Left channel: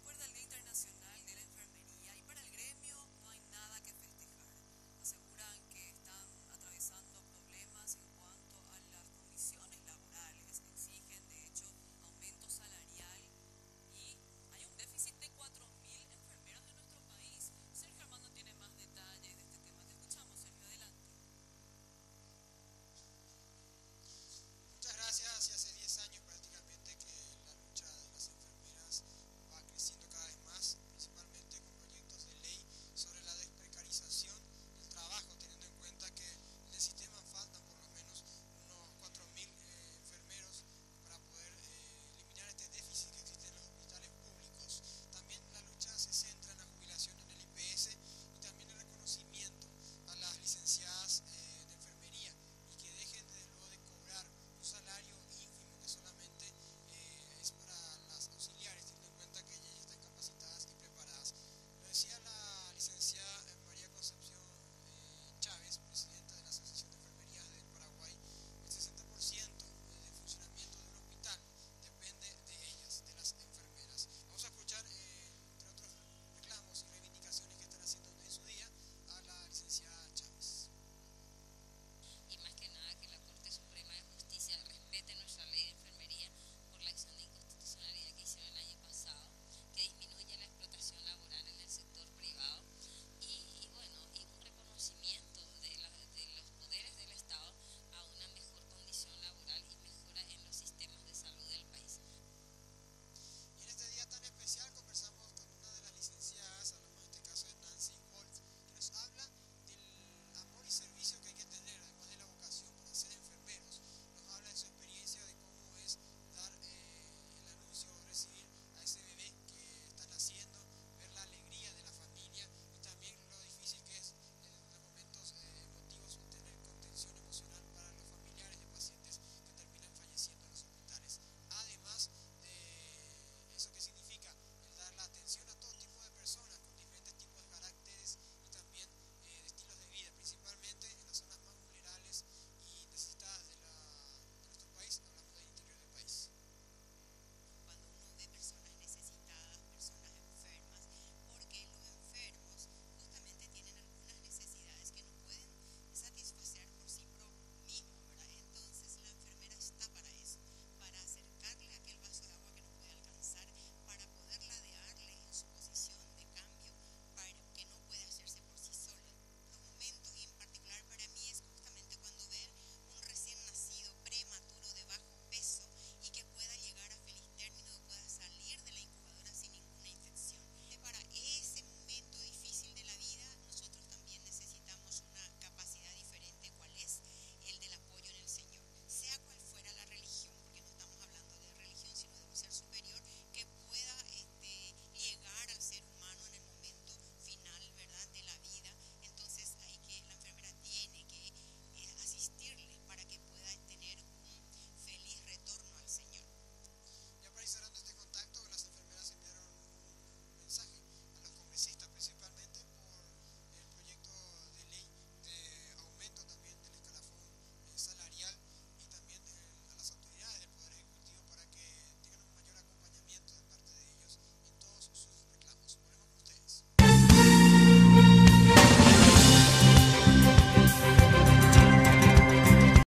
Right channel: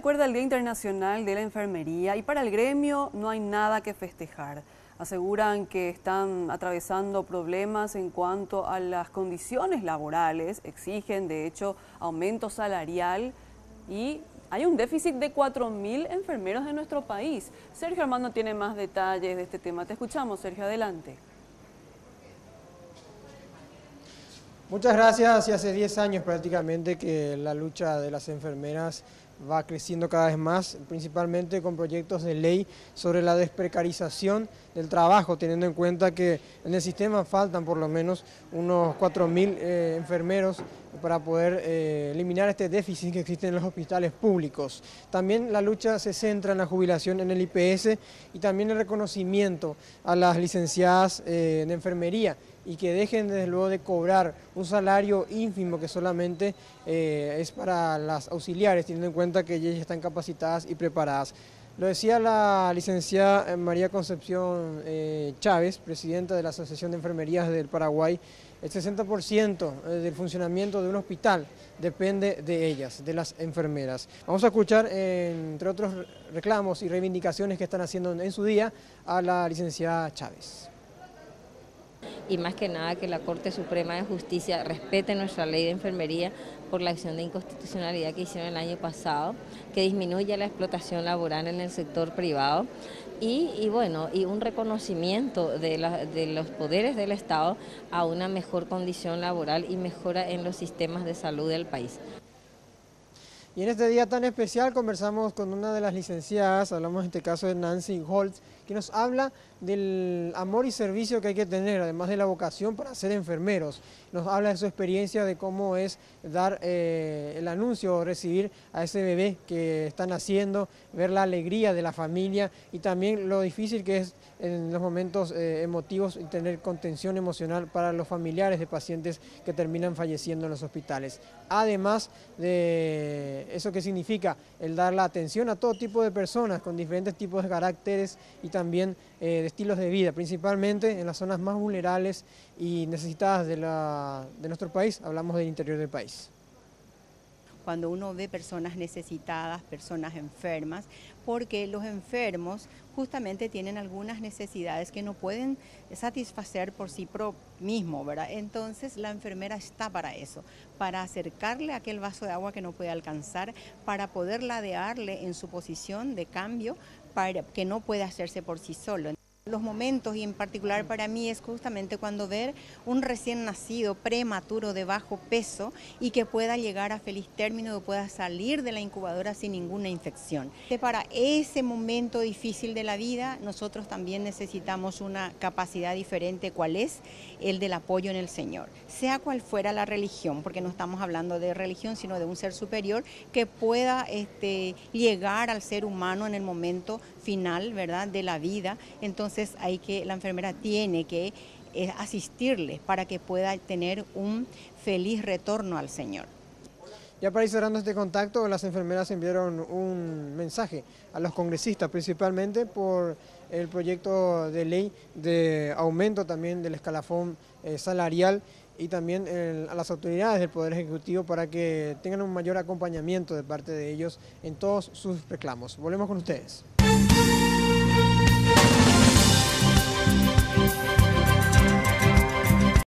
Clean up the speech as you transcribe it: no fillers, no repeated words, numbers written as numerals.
recuerda el Día Internacional de la Enfermería y para el gremio no hay nada que festejar. Aseguran que están atravesando problemas en cuanto a las condiciones laborales, exigen de hecho aumento salarial y hay un déficit de 4.000 enfermeros en nuestro país. Sergio Armando tiene más detalles de este tema. Te escuchamos, Sergio, adelante. Muchas gracias. Y hace 10 años prácticamente que la lucha de las enfermeras va creciendo cada vez más, principalmente con proyectos de ley sobre la desprecarización del trabajo, teniendo en cuenta que en el sistema faltan por lo menos unos 4.000 enfermeros para poder eliminar este déficit que existe en los hospitales públicos. También la lucha se centra en la jubilación en el IPS y también el reconocimiento a las licenciadas de enfermería y que dejen desde luego de cobrar un salario ínfimo que solamente es para las auxiliares, teniendo en cuenta que ellas están capacitadas y preparadas. Lo decía la licenciada María Concepción Chávez, presidenta de la Asociación de Enfermerías del Paraguay. El 60% del funcionamiento de un hospital depende de ellas, de las enfermeras. Vamos a escuchar, entre otros reclamos y reivindicaciones que están haciendo en su día, a la licenciada Chávez. Y más que nada que la Corte Suprema de Justicia respete nuestra ley de enfermería por la acción de inconstitucionalidad que hicieron el año pasado, que disminuya la explotación laboral en el sector privado y un reconocimiento de los poderes del Estado a una mejor condición laboral y mejora en los sistemas de salud del país. Y en este día tan especial conversamos con una de las licenciadas, hablamos en este caso de Nancy Holtz, que nos habla del amor y servicio que hay que tener, además de la vocación para ser enfermeros. Nos habla de su experiencia, de cómo es dar el anuncio o recibir a ese bebé que están haciendo, ver la alegría de la familia y también lo difícil que es en los momentos emotivos y tener contención emocional para los familiares de pacientes que terminan falleciendo en los hospitales. Además de eso que significa el dar la atención a todo tipo de personas con diferentes tipos de caracteres y también de estilos de vida, principalmente en las zonas más vulnerables y necesitadas de nuestro país, hablamos del interior del país. Cuando uno ve personas necesitadas, personas enfermas, porque los enfermos justamente tienen algunas necesidades que no pueden satisfacer por sí mismos, ¿verdad? Entonces la enfermera está para eso, para acercarle aquel vaso de agua que no puede alcanzar, para poder ladearle en su posición de cambio, para que no puede hacerse por sí solo. Los momentos, y en particular para mí, es justamente cuando ver un recién nacido prematuro de bajo peso y que pueda llegar a feliz término, que pueda salir de la incubadora sin ninguna infección. Para ese momento difícil de la vida, nosotros también necesitamos una capacidad diferente, ¿cuál es? El del apoyo en el Señor. Sea cual fuera la religión, porque no estamos hablando de religión, sino de un ser superior que pueda llegar al ser humano en el momento final, ¿verdad?, de la vida. Entonces la enfermera tiene que asistirles para que pueda tener un feliz retorno al Señor. Ya para ir cerrando este contacto, las enfermeras enviaron un mensaje a los congresistas, principalmente por el proyecto de ley de aumento también del escalafón salarial y también a las autoridades del Poder Ejecutivo para que tengan un mayor acompañamiento de parte de ellos en todos sus reclamos. Volvemos con ustedes.